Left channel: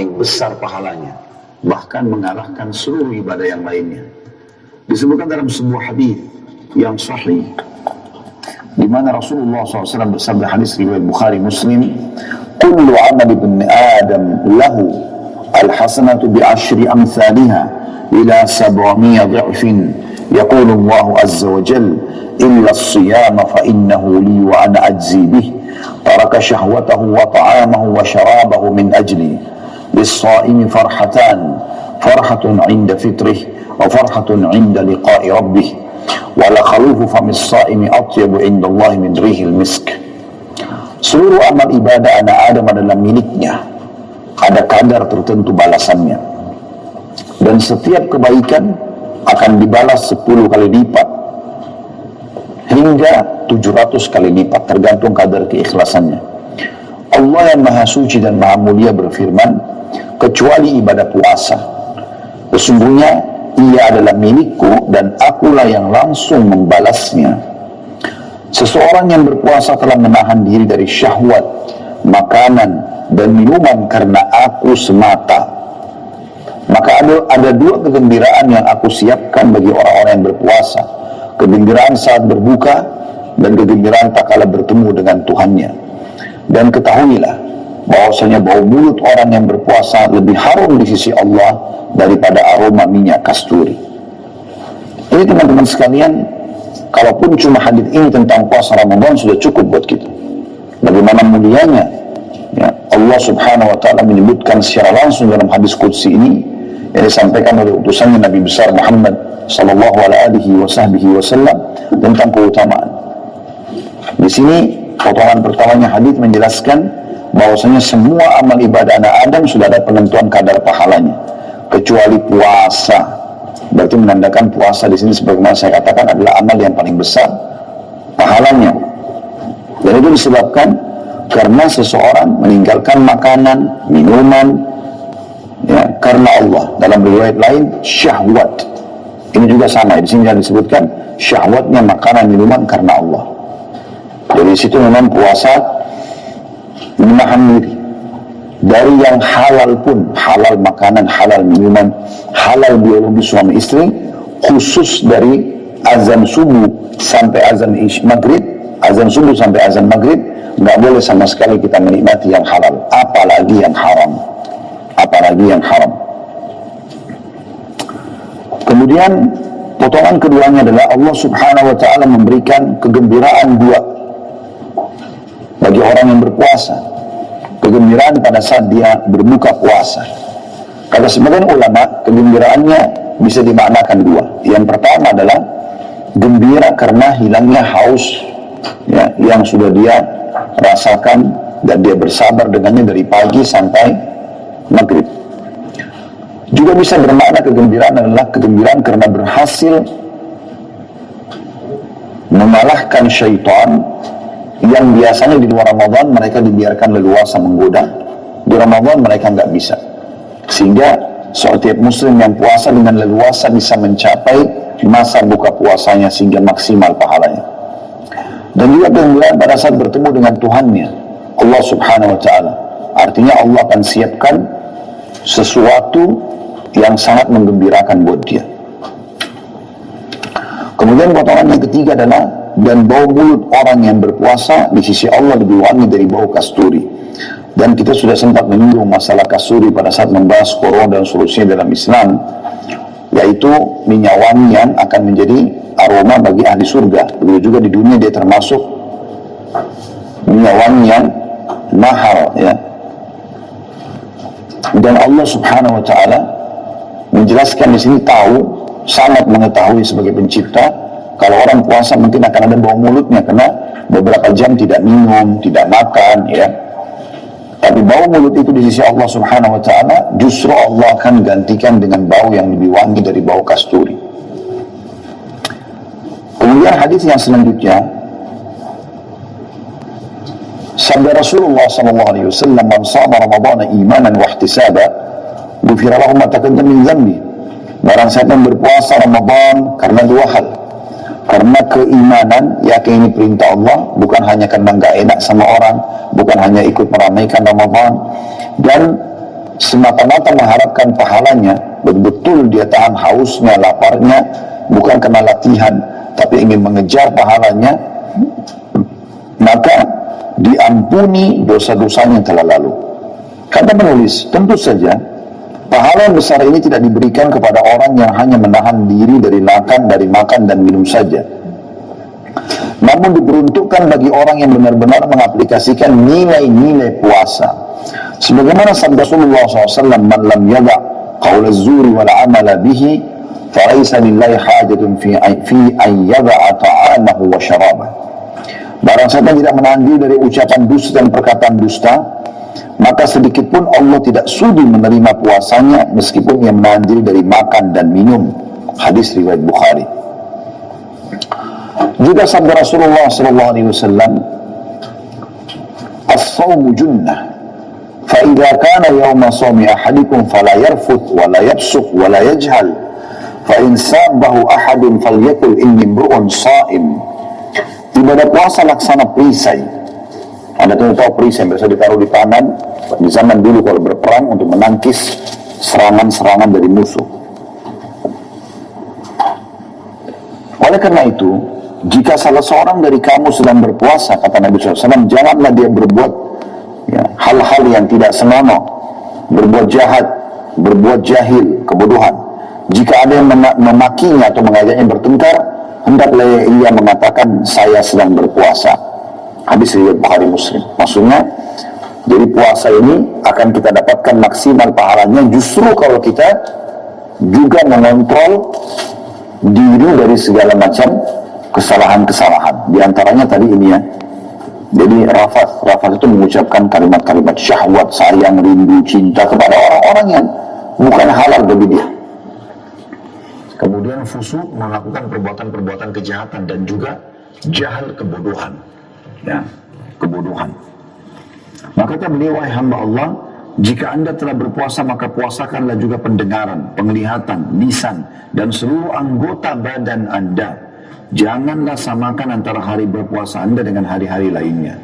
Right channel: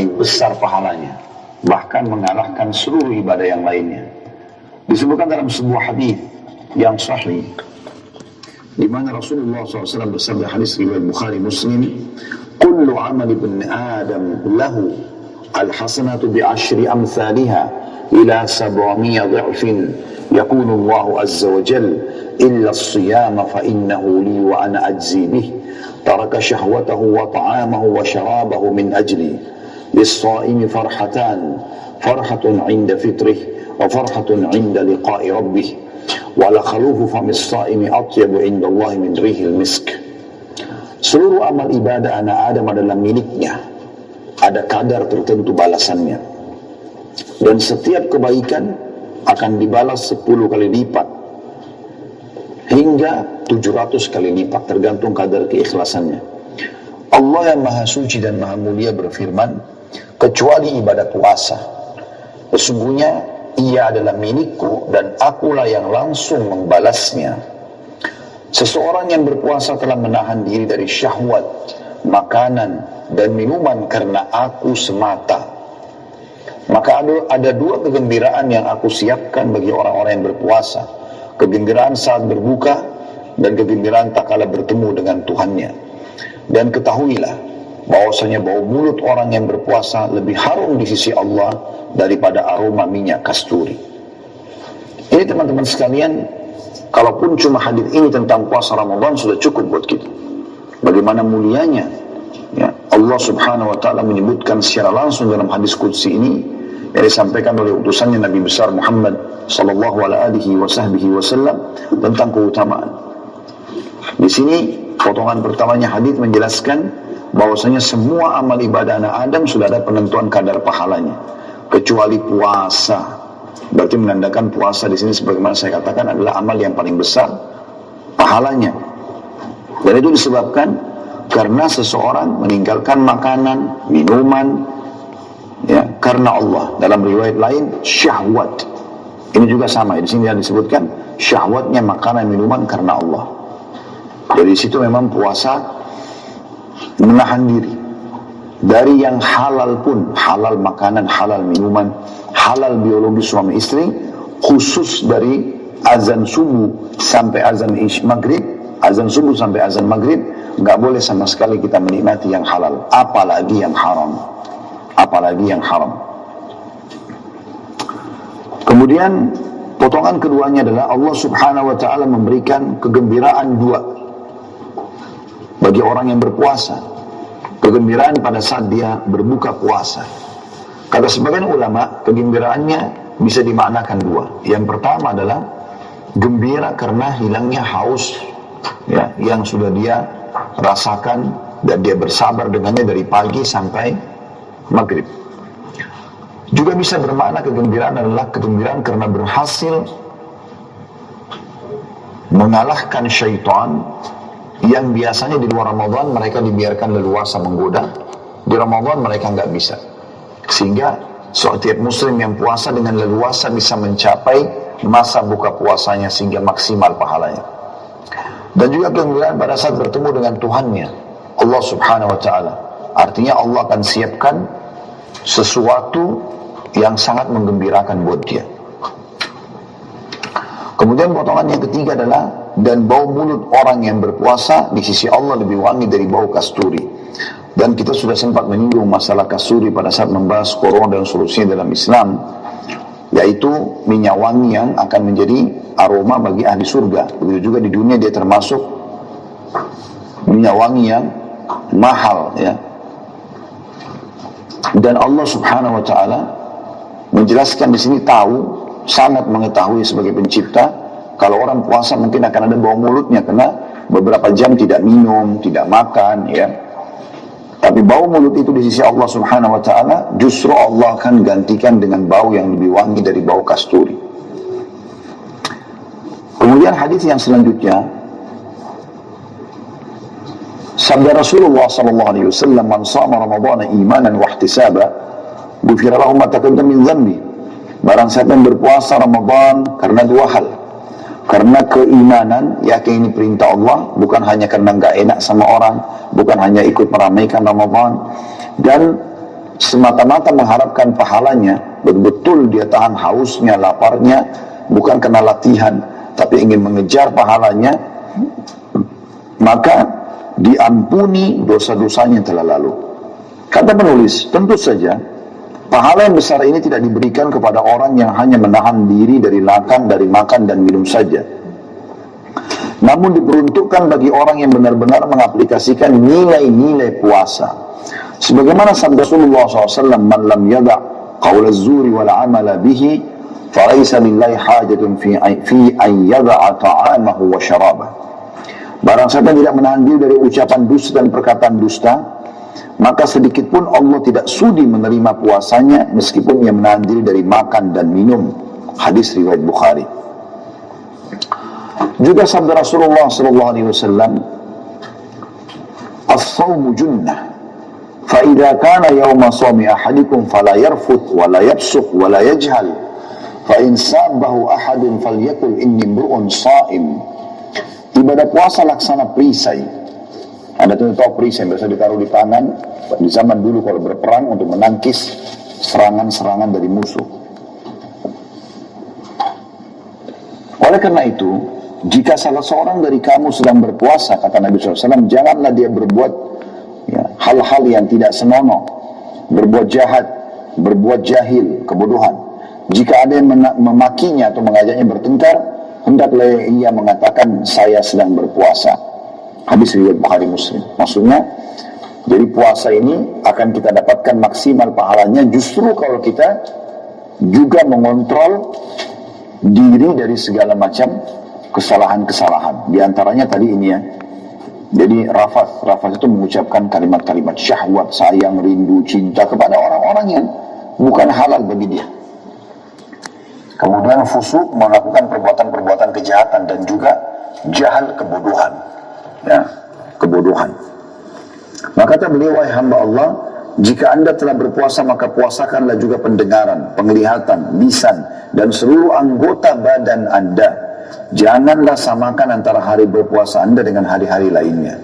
paling besar pahalanya, bahkan mengalahkan seluruh ibadah yang lainnya. Disebutkan dalam sebuah hadis yang sahih, di mana Rasulullah SAW bersabda, hadis riwayat Bukhari Muslim, "Kullu amal ibn Adam lahu al-hasanatu bi'ashri amthaliha ila 700 dha'fin. Yaqulu Allah azza wa jalla, illa as-siyama fa innahu li wa ana ajzi bih. Taraka syahwatahu wa ta'amahu wa syarabahu min ajli. Lis-shaimi farhatan, farhatun 'inda fitrih wa farhatun 'inda liqa'i rabbih. Wala khalufu famis shaimi atyabu 'inda Allah min rihil misk." Seluruh amal ibadah anak Adam adalah miliknya. Ada kadar tertentu balasannya. Dan setiap kebaikan akan dibalas 10 kali lipat hingga 700 kali lipat, tergantung kadar keikhlasannya. Allah yang Maha Suci dan Maha Mulia berfirman, kecuali ibadah puasa, sesungguhnya ia adalah milikku dan akulah yang langsung membalasnya. Seseorang yang berpuasa telah menahan diri dari syahwat, makanan dan minuman karena aku semata. Maka ada dua kegembiraan yang aku siapkan bagi orang-orang yang berpuasa. Kegembiraan saat berbuka dan kegembiraan tak kala bertemu dengan Tuhannya. Dan ketahuilah bahwasanya bau mulut orang yang berpuasa lebih harum di sisi Allah daripada aroma minyak kasturi. Ini teman-teman sekalian, kalaupun cuma hadis ini tentang puasa Ramadan sudah cukup buat kita. Bagaimana mulianya ya, Allah Subhanahu wa ta'ala menyebutkan secara langsung dalam hadis qudsi ini yang disampaikan oleh utusannya Nabi besar Muhammad sallallahu alaihi wasallam tentang keutamaan. Di sini potongan pertamanya hadis menjelaskan bahwasanya semua amal ibadah anak Adam sudah ada penentuan kadar pahalanya, kecuali puasa. Berarti menandakan puasa di sini sebagaimana saya katakan adalah amal yang paling besar pahalanya. Dan itu disebabkan karena seseorang meninggalkan makanan, minuman ya, karena Allah. Dalam riwayat lain syahwat. Ini juga sama, di sini disebutkan syahwatnya makanan, minuman karena Allah. Dari situ memang puasa menahan diri dari yang halal pun, halal makanan, halal minuman, halal biologi suami istri, khusus dari azan subuh sampai azan maghrib, azan subuh sampai azan maghrib, nggak boleh sama sekali kita menikmati yang halal, apalagi yang haram, apalagi yang haram. Kemudian potongan keduanya adalah Allah Subhanahu wa ta'ala memberikan kegembiraan dua bagi orang yang berpuasa. Kegembiraan pada saat dia berbuka puasa. Kata sebagian ulama, kegembiraannya bisa dimaknakan dua. Yang pertama adalah gembira karena hilangnya haus ya, yang sudah dia rasakan dan dia bersabar dengannya dari pagi sampai maghrib. Juga bisa bermakna kegembiraan adalah kegembiraan karena berhasil mengalahkan syaitan yang biasanya di luar Ramadan mereka dibiarkan leluasa menggoda, di Ramadan mereka nggak bisa. Sehingga setiap muslim yang puasa dengan leluasa bisa mencapai masa buka puasanya sehingga maksimal pahalanya. Dan juga kegembiraan pada saat bertemu dengan Tuhannya, Allah Subhanahu wa ta'ala. Artinya Allah akan siapkan sesuatu yang sangat menggembirakan buat dia. Kemudian potongan yang ketiga adalah dan bau mulut orang yang berpuasa di sisi Allah lebih wangi dari bau kasturi. Dan kita sudah sempat menyinggung masalah kasturi pada saat membahas Quran dan solusinya dalam Islam, yaitu minyak wangi yang akan menjadi aroma bagi ahli surga. Begitu juga di dunia dia termasuk minyak wangi yang mahal ya. Dan Allah Subhanahu wa ta'ala menjelaskan di sini tahu, sangat mengetahui sebagai pencipta, kalau orang puasa mungkin akan ada bau mulutnya karena beberapa jam tidak minum, tidak makan ya. Tapi bau mulut itu di sisi Allah Subhanahu wa ta'ala justru Allah akan gantikan dengan bau yang lebih wangi dari bau kasturi. Kemudian hadis yang selanjutnya, sabda Rasulullah SAW, man shama Ramadhana imanan wa ihtisaba ghufira lahu ma taqaddama min dhanbi. Barang siapa yang berpuasa Ramadan karena dua hal, karena keimanan, yakin ini perintah Allah, bukan hanya karena nggak enak sama orang, bukan hanya ikut meramaikan Ramadan, dan semata-mata mengharapkan pahalanya, betul-betul dia tahan hausnya, laparnya, bukan karena latihan, tapi ingin mengejar pahalanya, maka diampuni dosa-dosanya yang telah lalu. Kata penulis, tentu saja pahala yang besar ini tidak diberikan kepada orang yang hanya menahan diri dari makan dan minum saja, namun diperuntukkan bagi orang yang benar-benar mengaplikasikan nilai-nilai puasa. Sebagaimana sabda Rasulullah SAW, "Man lam yada' qaul az-zuri wal 'amala bihi, falaysa lillahi hajatun fi an yada'a ta'amahu wa syarabah." Barang siapa tidak menahan diri dari ucapan dusta dan perkataan dusta, maka sedikit pun Allah tidak sudi menerima puasanya meskipun ia menahan diri dari makan dan minum. Hadis riwayat Bukhari. Juga sabda Rasulullah SAW, "As-sawmu junnah, fa idza kana yawma sawmi ahadikum fala yarfuth wa la yafsuq wa la yajhal, fa in sabahu ahadun falyakul inni imru'un sha'im." Ibadah puasa laksana perisai. Anda tahu perisai biasa ditaruh di tangan di zaman dulu kalau berperang untuk menangkis serangan-serangan dari musuh. Oleh karena itu, jika salah seorang dari kamu sedang berpuasa, kata Nabi SAW, janganlah dia berbuat hal-hal yang tidak senonoh, berbuat jahat, berbuat jahil, kebodohan. Jika ada yang memakinya atau mengajaknya bertengkar, hendaklah ia mengatakan saya sedang berpuasa. Hadis riwayat Bukhari Muslim. Maksudnya, jadi puasa ini akan kita dapatkan maksimal pahalanya justru kalau kita juga mengontrol diri dari segala macam kesalahan-kesalahan. Di antaranya tadi ini ya. Jadi rafat itu mengucapkan kalimat-kalimat syahwat, sayang, rindu, cinta kepada orang-orang yang bukan halal bagi dia. Kemudian fusuk, melakukan perbuatan-perbuatan kejahatan dan juga jahal, kebodohan. Ya, kebodohan. Maka kata beliau, wahai hamba Allah, jika anda telah berpuasa maka puasakanlah juga pendengaran, penglihatan, lisan dan seluruh anggota badan anda. Janganlah samakan antara hari berpuasa anda dengan hari-hari lainnya.